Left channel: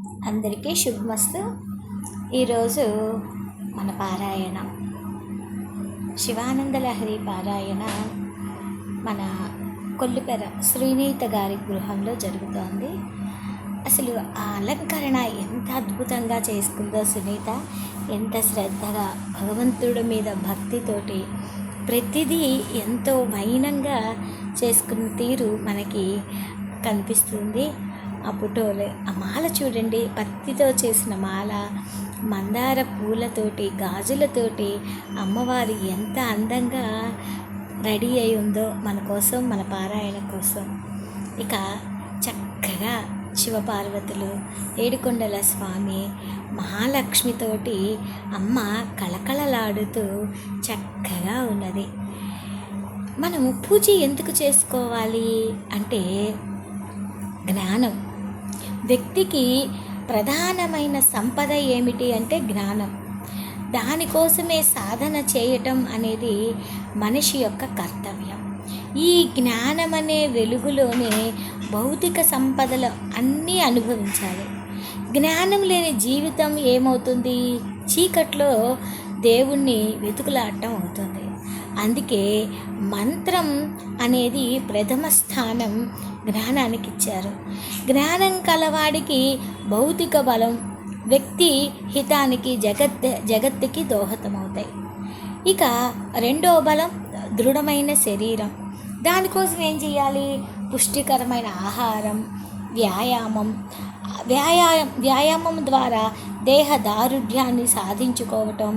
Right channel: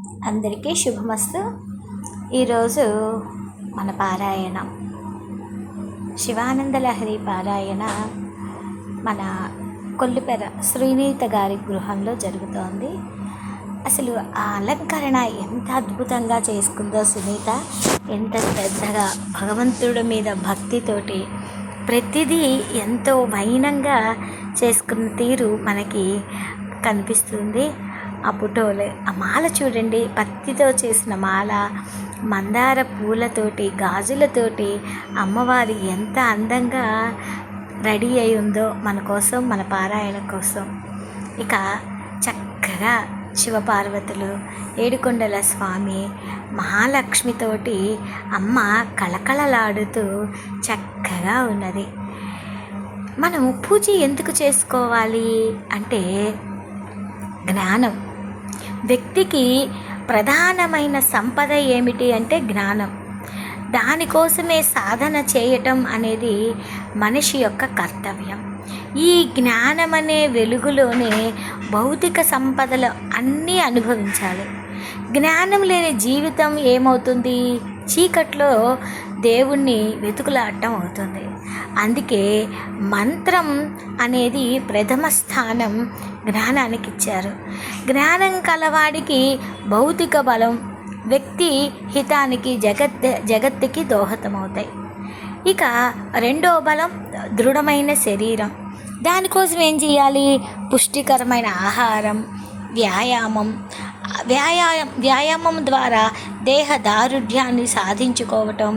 అందరికీ శుభమస్తు. ఈరోజు మన పారాయణ శివానందలహరి పారాయణ మన కొల్లిపెర శ్రీనీత గారి గృహంలో జరుగుతోంది. అసలు ఆ అలంకరణ ఎంత అద్భుతంగా చేసుకుందో సునీత, ఎంత శ్రద్ధగా భగవంతుడి మీద భక్తితోటి ప్రతిదీ ఎంతో వైనంగా చేసుకున్న తీరు మనకి కనిపిస్తుంది. ఆ ఫోటోలు, ఆ మాల చూడండి, పత్తితో చేసిన మాల, మందార పూలతోటి గాజులతోటి అమ్మవారి ఎంత అందంగా రెడీ అయి ఉందో మన కోసం, మన పారాయణ కోసం. ఇక చక్కగా శివపార్వతులు, ఏడుకొండల స్వామి, మహాలక్ష్మితోటి అమ్మ కళకళలాడుతూ చక్కగా ఉన్నది. మనం పూజ ఎందుకు చేసుకోవాలి అంటే జ్ఞానం. వ్యక్తికి ప్రధానమైన సంపద ఏమిటి అంటే జ్ఞానం. దానికోసమే సాధన చేయటం అనేది మనిషి యొక్క కర్తవ్యం. ఈ జ్ఞానం అనే వెలుగులోనే భౌతిక సంపదలు అన్నీ అనుభవించాలి. జ్ఞానం లేని జీవితం ఏమవుతుంది? చీకట్లో దేవుణ్ణి వెతుకులాడటం అవుతుంది. అందుకే మంత్రం అనేది ప్రథమ స్థానం జ్ఞానానికి ఇచ్చారు. జ్ఞానం కలవాడికి భౌతిక బలం, వ్యక్తి హితానికి జగత్తుకి దోహదమవుతాయి. ఇక రెండో బలం దృఢమైన శరీరం. దానికోసం ఏం చేయాలి? పుష్టికరమైన ఆహారం, వ్యాయామం ద్వారా దేహ దారుఢ్యాన్ని సాధించుకోవటం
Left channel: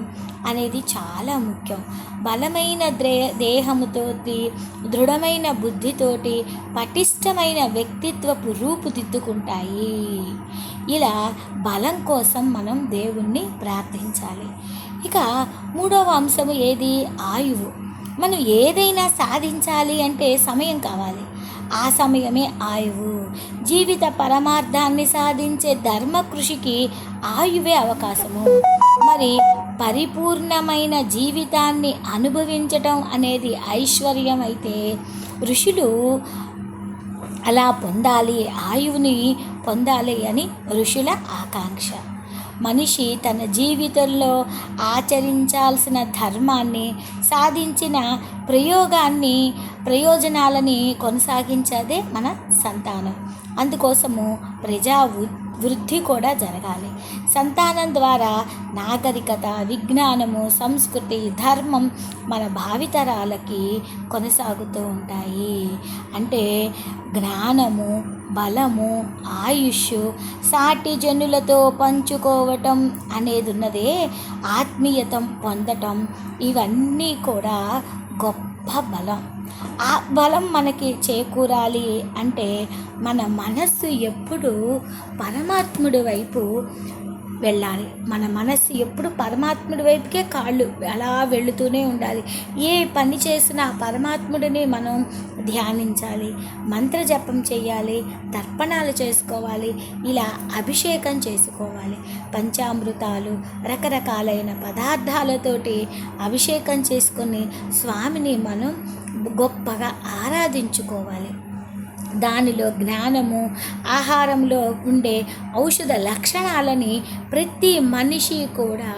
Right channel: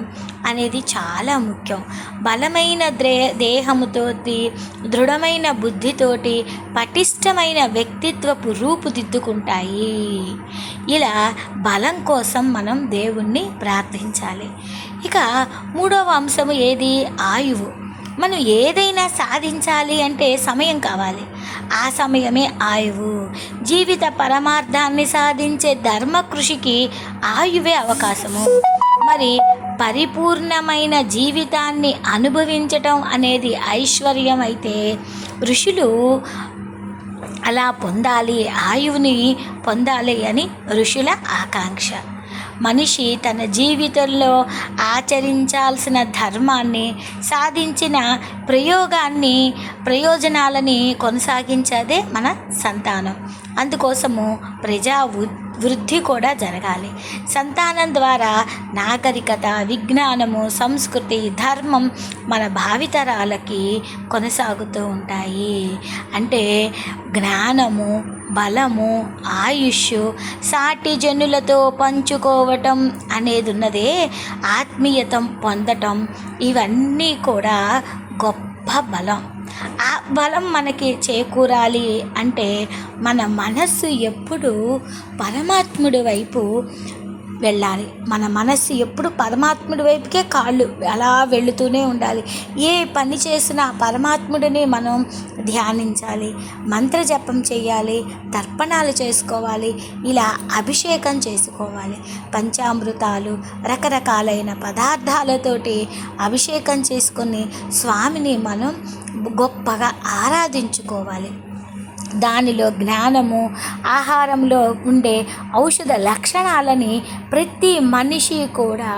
అనేది చాలా ముఖ్యం. బలమైన దేహముతోటి, దృఢమైన బుద్ధితోటి పటిష్టమైన వ్యక్తిత్వపు రూపుదిద్దుకుంటాయి. ఇలా బలం కోసం మనం దేవుణ్ణి ప్రార్థించాలి. ఇక మూడవ అంశము ఏది? ఆయువు. మనం ఏదైనా సాధించాలి అంటే సమయం కావాలి. ఆ సమయమే ఆయువు. జీవిత పరమార్థాన్ని సాధించే ధర్మ కృషికి ఆయువే అవకాశము. మరి పరిపూర్ణమైన జీవితాన్ని అనుభవించటం అనేది ఐశ్వర్యం అయితే ఋషులు అలా పొందాలి, ఆయువుని పొందాలి అని ఋషుల ఆకాంక్ష. మనిషి తన జీవితంలో ఆచరించాల్సిన ధర్మాన్ని, సాధించిన ప్రయోజనాలని కొనసాగించదే మన సంతానం. అందుకోసము వృద్ధి కూడా జరగాలి. సంతానం ద్వారా నాగరికత, విజ్ఞానము, సంస్కృతి, ధర్మం మన భావితరాలకి కొనసాగుతూ ఉంటాయి. అంటే జ్ఞానము, బలము, ఆయుష్, సాటి జనులతో పంచుకోవటం అనేది ఉన్నదే, ఆత్మీయత పొందటం, ఇవన్నీ కూడా గొప్ప బలం. ఆ బలం మనకి చేకూరాలి అంటే మన మనస్సు ఎప్పుడు పరమాత్ముడి వైపు వెళ్ళాలి. మన మనస్సు ఎప్పుడు పరమాత్ముడి వైపుకే కాళ్ళు అలా వెళుతూనే ఉండాలి. ఏ పని చేసినా పరమాత్ముడిని మనం ధ్యానించాలి, మంత్రజపం చేయాలి, తర్పణాలు చేసుకోవాలి, ఇలా అభిషేకం చేసుకోవాలి. పంచామృతాలు, రకరకాలైన పదార్థాలతోటి అభిషేకం చేసుకొని స్వామిని మనం గొప్పగా ఆరాధించుకోవాలి. దానిలో జ్ఞానము, ఆహారంలో ఉండే ఔషధ లక్షణాలని ప్రతి మనిషి కూడా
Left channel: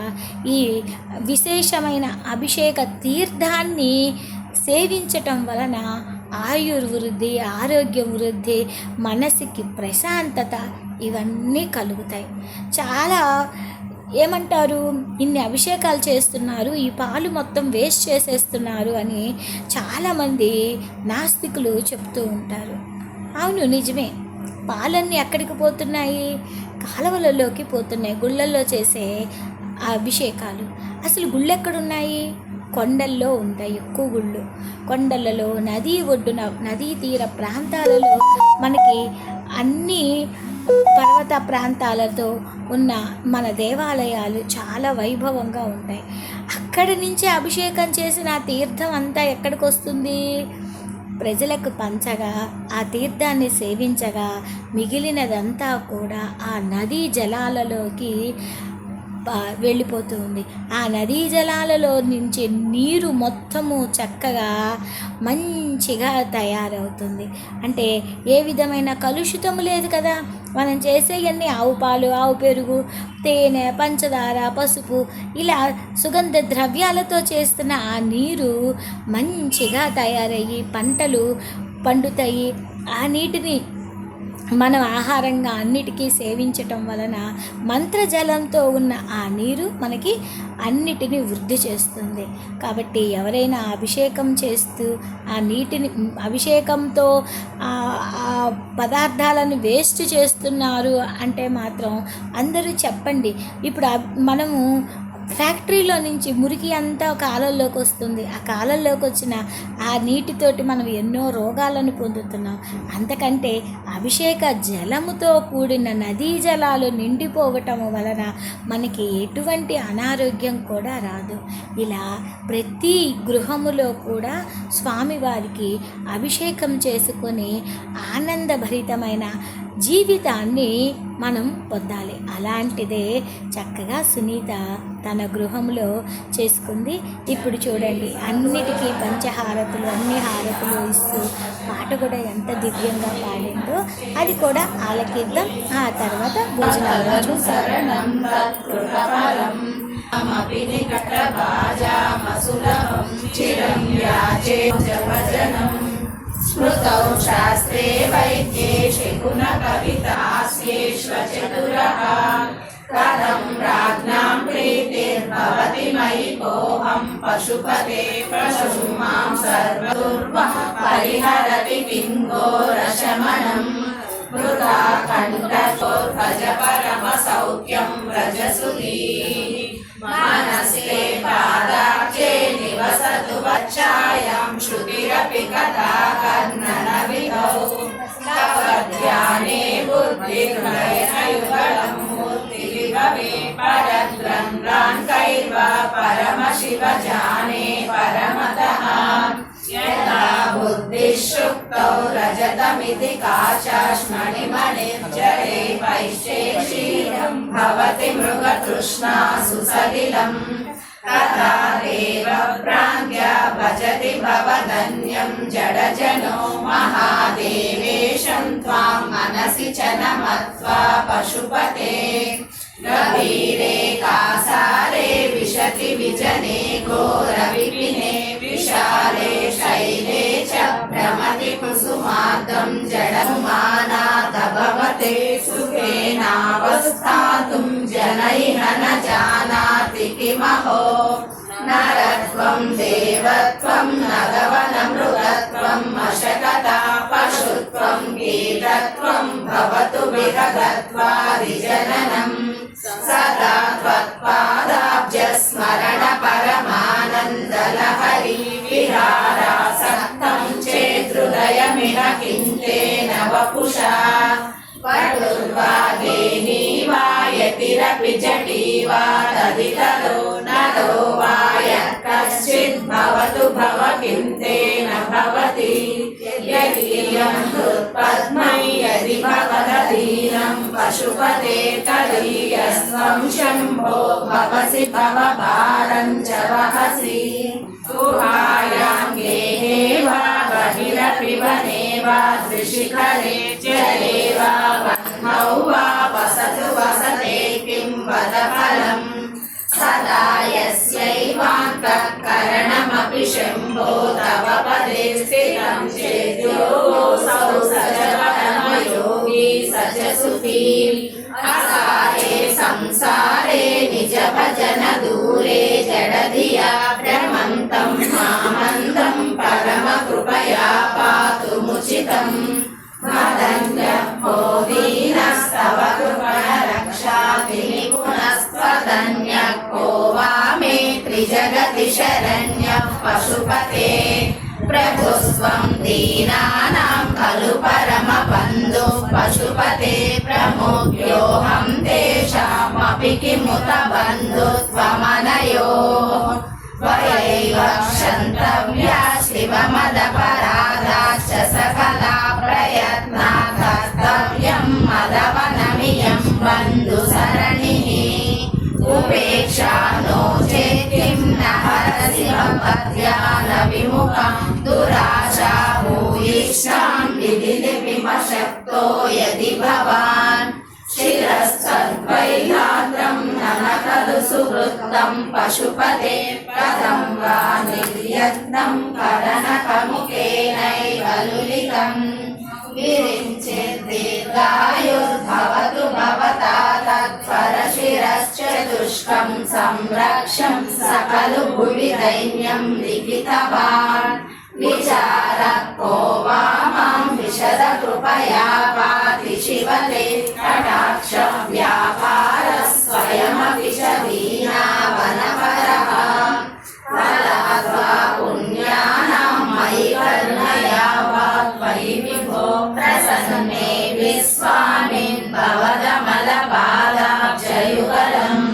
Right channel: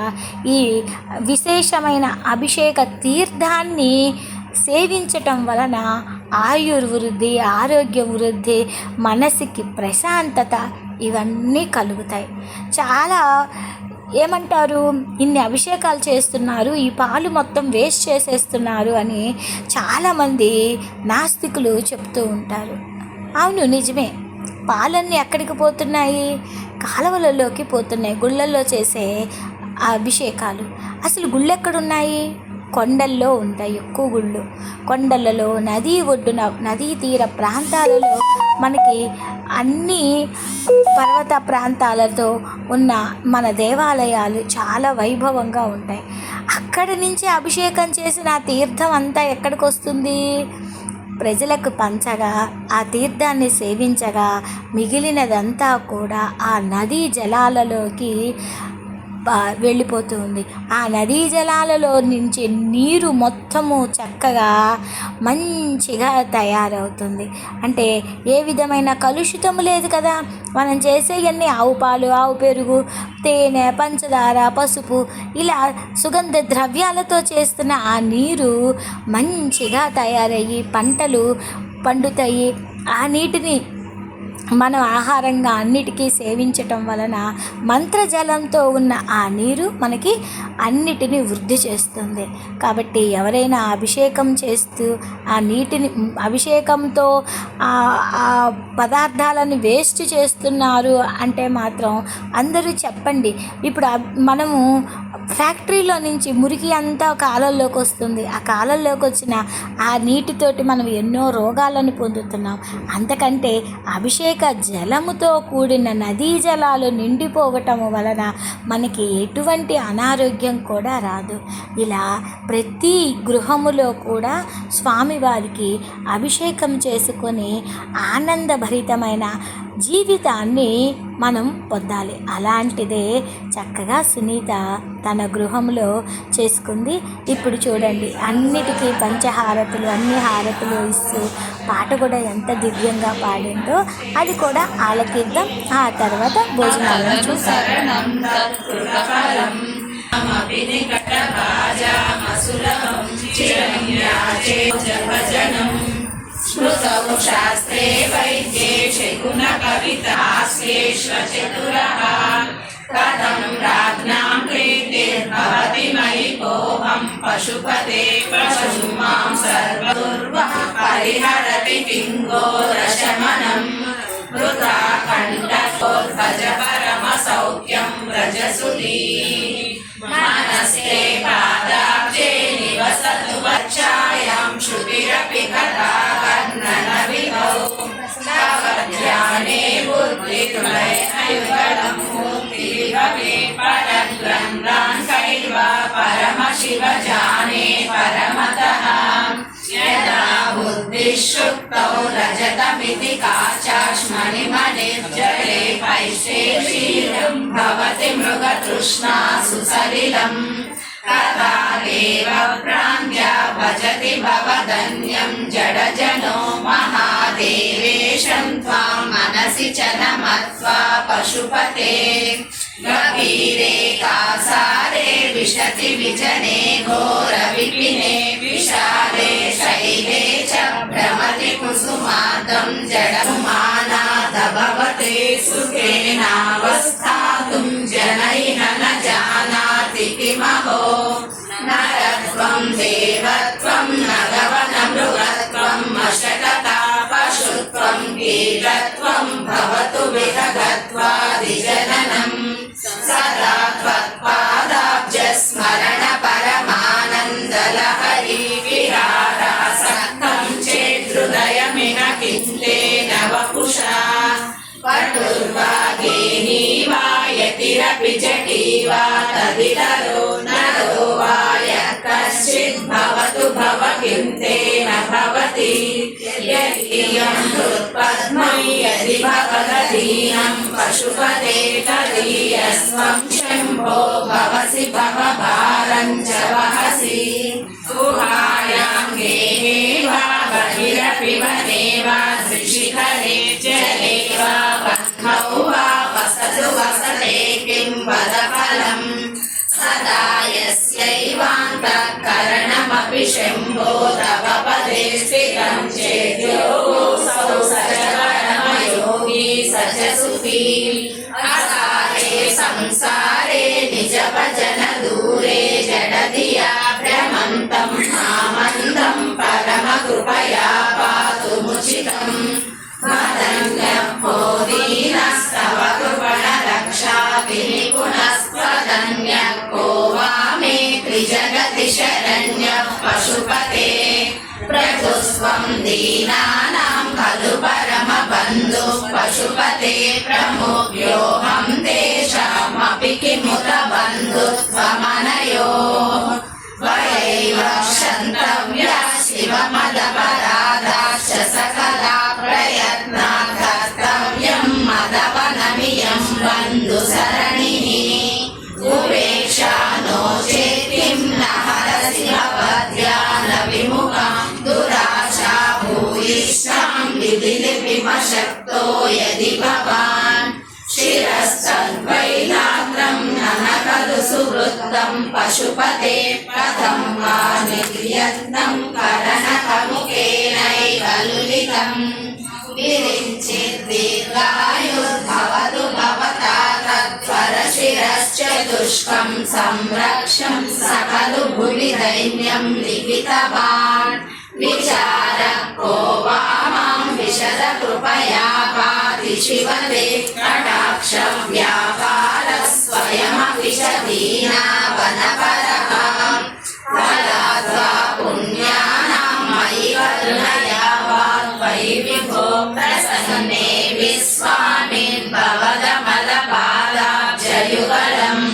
ఈ విశేషమైన అభిషేక తీర్థాన్ని సేవించటం వలన ఆయుర్వృద్ధి, ఆరోగ్య వృద్ధి, మనసుకి ప్రశాంతత ఇవన్నీ కలుగుతాయి. చాలా ఏమంటారు, ఇన్ని అభిషేకాలు చేస్తున్నారు, ఈ పాలు మొత్తం వేస్ట్ చేసేస్తున్నారు అని చాలామంది నాస్తికులు చెప్తూ ఉంటారు. అవును, నిజమే. పాలన్నీ ఎక్కడికి పోతున్నాయి? కాలువలలోకి పోతున్నాయి. గుళ్ళల్లో చేసే అభిషేకాలు. అసలు గుళ్ళు ఎక్కడున్నాయి? కొండల్లో ఉంటాయి ఎక్కువ గుళ్ళు. కొండలలో, నదీ ఒడ్డున, నదీ తీర ప్రాంతాలలో మనకి అన్ని పర్వత ప్రాంతాలతో ఉన్న మన దేవాలయాలు చాలా వైభవంగా ఉంటాయి. అక్కడి నుంచి అభిషేకం చేసిన ఆ తీర్థం అంతా ఎక్కడికి వస్తుంది? ప్రజలకు పంచగా, ఆ తీర్థాన్ని సేవించగా మిగిలినదంతా కూడా ఆ నదీ జలాలలోకి వెళ్ళిపోతూ ఉంది. ఆ నదీ జలాలలో నుంచి నీరు మొత్తము చక్కగా మంచిగా తయారవుతుంది. అంటే ఏ విధమైన కలుషితం లేదు కదా. మనం చేసేవన్నీ ఆవు పాలు, ఆవు పెరుగు, తేనె, పంచదార, పసుపు ఇలా సుగంధ ద్రవ్యాలతో చేస్తున్న ఆ నీరు మంచిగా తయారయ్యి పంటలు పండుతాయి. ఆ నీటిని మనం ఆహారంగా అన్నిటికీ సేవించటం వలన మంత్రజలంతో ఉన్న ఆ నీరు మనకి అన్నిటినీ వృద్ధి చేస్తుంది. కాబట్టి ఎవరైనా అభిషేకం చేస్తూ ఆ నీటిని అభిషేకంతో ఆ పదార్థాలను వేస్ట్ చేస్తున్నారు అంటే మాత్రం అందరూ చెప్పండి. ఇప్పుడు మనము ఫ్యాక్టరీలో నుంచి మురికి అంతా కాలంలోకి వస్తుంది. ఆ కాలంలోకి వచ్చిన ఆ నీటితోటి మనం ఎన్నో రోగాలను పొందుతున్నాం. అంతకంటే అభిషేక జలముతో కూడిన నదీ జలాలు నిండిపోవటం వలన మనకి ఎటువంటి అనారోగ్యం కూడా రాదు. ఇలా ప్రతి గృహములో కూడా స్వామివారికి అభిషేకం చేసుకొని ఆనందభరితమైన జీవితాన్ని మనం పొందాలి. అలాంటిదే చక్కగా సునీత తన గృహంలో చేసుకుంది. ఇప్పుడు చూడండి, అన్నిటికీ పంచహారతులు, అన్ని హారతులు ఇస్తూ పాట కూడా ఎంత దివ్యంగా పాడిందో అది కూడా ఆలకిద్దాం. ఆ తర్వాత భోజనాలను చూసారు. स्मृतौ शास्त्रे वैद्ये शकुनकवितास्येष्वचतुरः कथं राज्ञां प्रीतिर्भवति मयि कोऽहं पशुपते पशुं मां सर्वदुर्वः परिहरति किङ्घोरशमनं मृता कण्ठकोर्भज परमसौख्यं व्रजसुधी मानस्ते पादाब्जे निवसतु वच्चायां श्रुतिरपि कथा कर्णनविधौ तव ध्याने बुद्धिर्मययुगलं मूर्तिरिव मे परग्रन्थान्कैर्वा परमशिव जाने परमतः यदा बुद्धिशुक्तौ रजतमिति काचाश्मणिमणिर्जले पैशेषीरं भवति मृगतृष्णा सुसलिलम् तथा देव प्राज्ञा भजति भवदन्यं जडजनो महादेवेशं त्वां मनसि च नमत्वा पशुपते गभीरे कासारे विशति विजने घोरविपिने विशाले शैले च भ्रमति कुसुमादं जडमानाथ भवते सुखेनावस्थातुं जनैः न जानाति किमहो नरत्वं देवत्वं नगवनमृगत्वं अशकता पशुत्वं कीटत्वं भवतु विहगत्वादिजननम् सदा त्वत्पादाब्जस्मरण परमानन्दलहरी विहारासक्तं चेदृदयमिह किन्तेन वपुषा पटुर्वागेनी वा यतिरपि जटी वा तदितरो नरो वा यः कश्चित् भवतु भव किन्तेन भवति यदीयं हृत्पद्मै यदि भवदीयं पशुपते तदीयस्त्वं शम्भो भवसि भवभारं च वहसि गुहायां गेहे वा बहिरपि वने वा त्रिशिखरे जले वा पद्मौ वा वसतु वसते किं वद फलम् सदा यस्यैवान्तःकरणमपि शम्भो तव पदे स्थितं चेद्योऽसौ स च परमयोगी स च सुखी असारे संसारे निजभजन दूरे जडधिया भ्रमन्तं मामन्दं परमकृपया पातुमुचितम् मदन्यः दीनस्तव कृपणरक्षाति निपुणस्त्वदन्यः को वा मे त्रिजगति शरण्यः पशुपते प्रभुस्त्वं दीनानां खलु परमबन्धुः पशुपते प्रमुख्योऽहं तेषामपि किमुत बन्धुत्वमनयोः त्वयैव क्षन्तव्या शिवमदपराधाश्च सकला प्रयत्ना कर्तव्यं मदवनमियं बन्धुसरणिः उभे लिपिमशक्तो यदि भवान् शिरस्तद्वैदात्रं ननकदु सुवृत्तं पशुपते कथं वा निर्यत्नं करणकमुखेनैव लुलितम् विरिञ्चिद्दीर्घायुर्भवतु भवता तत्परशिरश्चतुष्कं संरक्षं सकलु भुवि दैन्यं लिखितवान् विचारः को वा मां विशद कृपया पाति शिवते कटाक्ष व्यापारः स्वयमपि च दीनावनपरः फलाद्वा पुण्यानां मयि करुणया वा त्वयि विभो प्रसन्ने विस्वामिन्भवदमलपादाब्जयुगलम्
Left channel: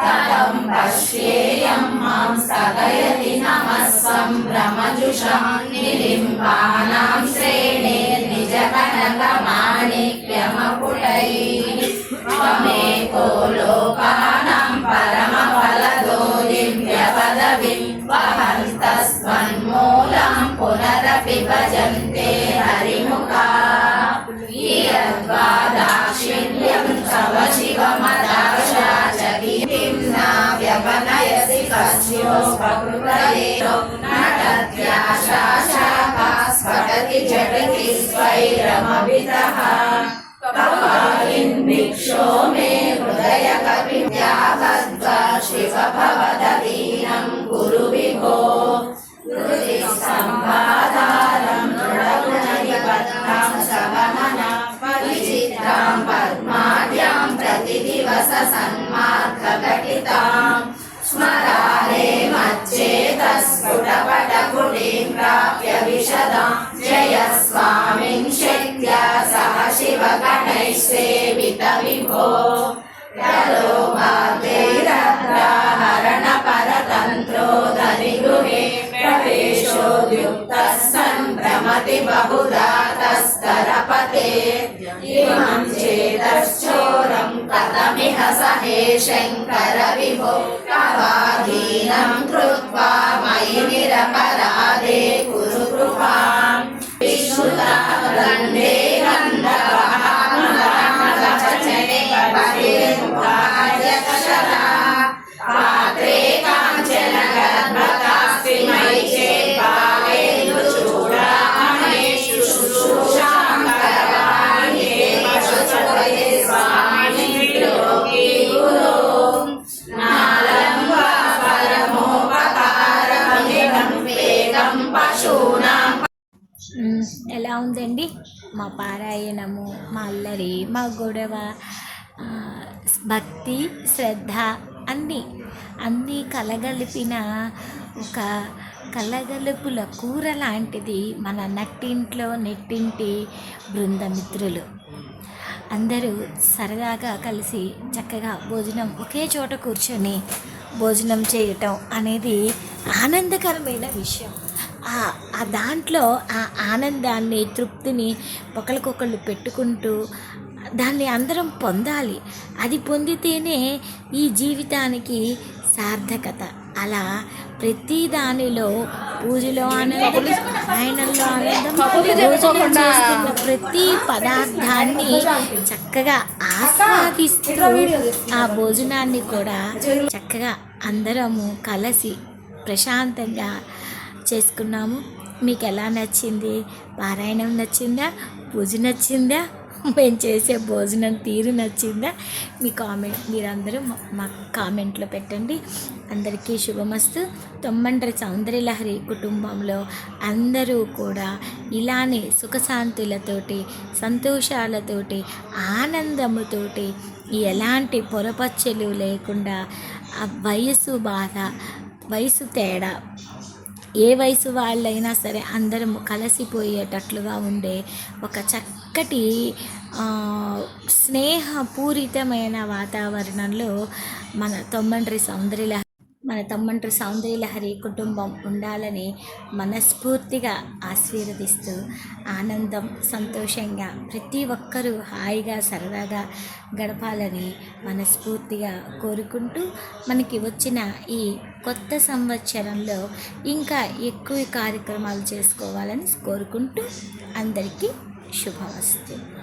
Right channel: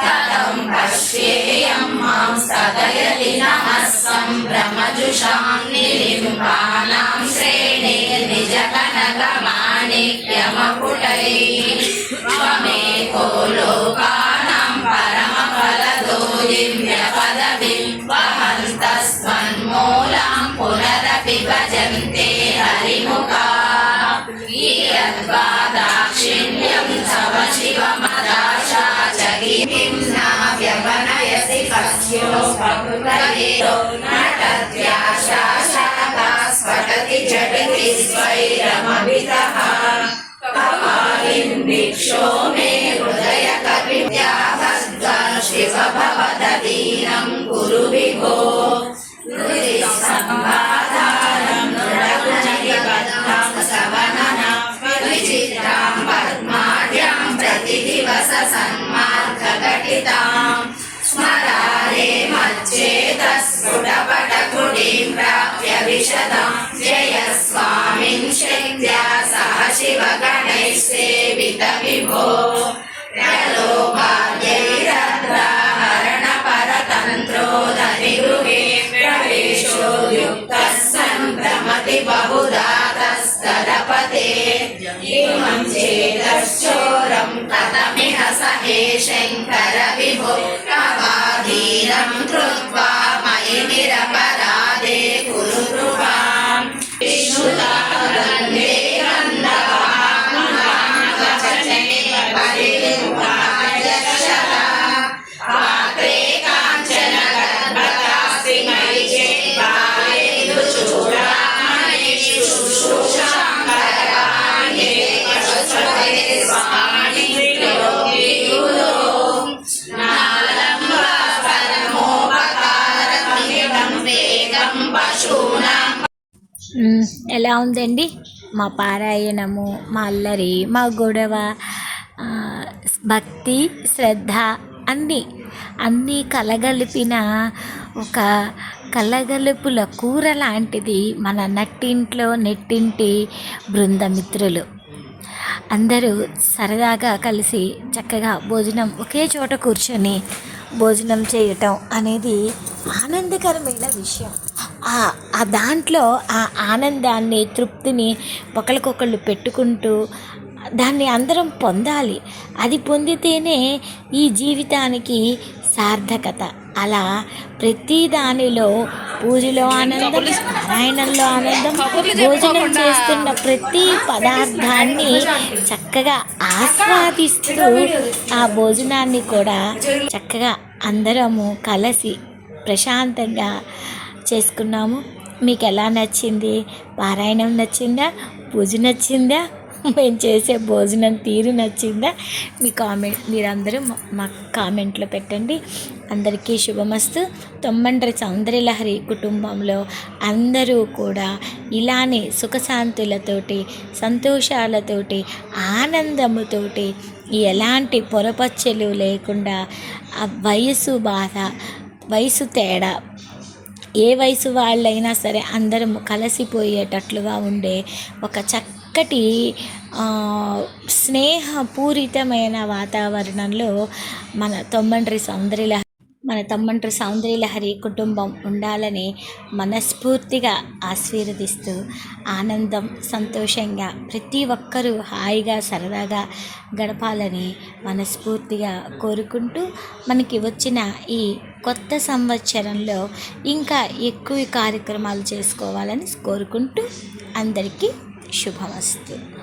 कथं पश्येयं मां सदयति नमः सम्भ्रमजुषां निलिम्बानां श्रेणिर्निजकनकमाणिक्यमकुटैः त्वमेको लोकानां परमफलदो दिव्यपदवीं वहन्तस्त्वन्मूलां पुनरपि भजन्ते हरिमुखाः यद्वा दाक्षिण्यं तव शिवमदाशा जगितिं न व्यपनयसि कस्योपकृतयेतो नटत्याशाशाखा स्फटति झटिति स्वैरमभितः कपालिन्दिक्षो मे हृदयकविद्यातद्वा शिव भवदधीनं कुरु विभो हृदिसम्बाधारं दृढगुणनिबद्धां सवनना विचित्रां पद्माढ्यां प्रतिदिवस सन्मार्गघटितां स्मरारे मच्चेतस्फुटपटकुटीं प्राप्य विशदां जय स्वामिं शक्त्या सह शिवगणैः सेवित विभो प्रलोभाद्यैरग्रहरणपरतन्त्रोदधिगृहे प्रवेशो युक्तः सन् भ्रमति बहुधा तस्तरपते इमं चेतश्चोरं कथमिह सहे शङ्कर विभो तवाधीनं कृत्वा मयि निरपराधे कुरु कृपां विष्णुता गन्धे गन्धवाहनवचने बहिर्मुखाद्यक्षरा पात्रे काञ्चन गर्भकास्ति मयि चेत्पायेषु चूडामणिषु शुश्रूषां करवाण्ये पशुसुते स्वामिनि त्रिलोकी गुरो नालं वा परमोपकारकमिदं वेदं पशूनां ఎలా ఉందండి మా పారాయణము, మా అల్లరి, మా గొడవ, భక్తి, శ్రద్ధ అన్నీ కలగలిపిన ఒక కలగలుపుల కూర లాంటిది మన నెట్టింటి బృందమిత్రులు అందరూ సరదాగా కలిసి చక్కగా భోజనం ఒకే చోట కూర్చొని భోజనం చేయటం అనేది ఆనందకరమైన విషయం. ఆ దాంట్లో ఆ ఆనందాన్ని, తృప్తిని ఒకరికొకళ్ళు పెట్టుకుంటూ దాన్ని అందరం పొందాలి. అది పొందితేనే ఈ జీవితానికి సార్థకత. అలా ప్రతి దానిలో పూజలో ఆనందం, పారాయణంలో ఆనందం, భోజనం చేస్తున్న ప్రతి పదార్థాన్ని చక్కగా ఆస్వాదిస్తూ ఆ భోజనాన్ని కూడా చక్కగా అందరము కలిసి ప్రశాంతంగా చేసుకున్నాము. మీకు ఎలా నచ్చింది? పారాయణం నచ్చిందా? పూజ నచ్చిందా? మేము చేసే భోజనం తీరు నచ్చిందా? మీరందరూ మా కామెంట్లో పెట్టండి. అందరికీ శుభమస్తు. తొమ్మండ్రి సౌందర్యలహరి కుటుంబంలో అందరూ కూడా ఇలానే సుఖశాంతులతోటి, సంతోషాలతోటి, ఆనందముతోటి, ఎలాంటి పొరపచ్చలు లేకుండా, ఆ వయసు బాధ, వయసు తేడా, ఏ వయసు వాళ్ళైనా సరే అందరం కలిసిపోయేటట్లుగా ఉండే ఒక చక్కటి స్నేహపూరితమైన వాతావరణంలో మన తొమ్మండ్రి సౌందర్యలహరి కుటుంబం ఉండాలని మనస్ఫూర్తిగా ఆశీర్వదిస్తూ, ఆనందం, సంతోషంగా ప్రతి ఒక్కరూ హాయిగా సరదాగా గడపాలని మనస్ఫూర్తిగా కోరుకుంటూ, మనకి వచ్చిన ఈ కొత్త సంవత్సరంలో ఇంకా ఎక్కువ కార్యక్రమాలు చేసుకోవాలని కోరుకుంటూ అందరికీ శుభమస్తు.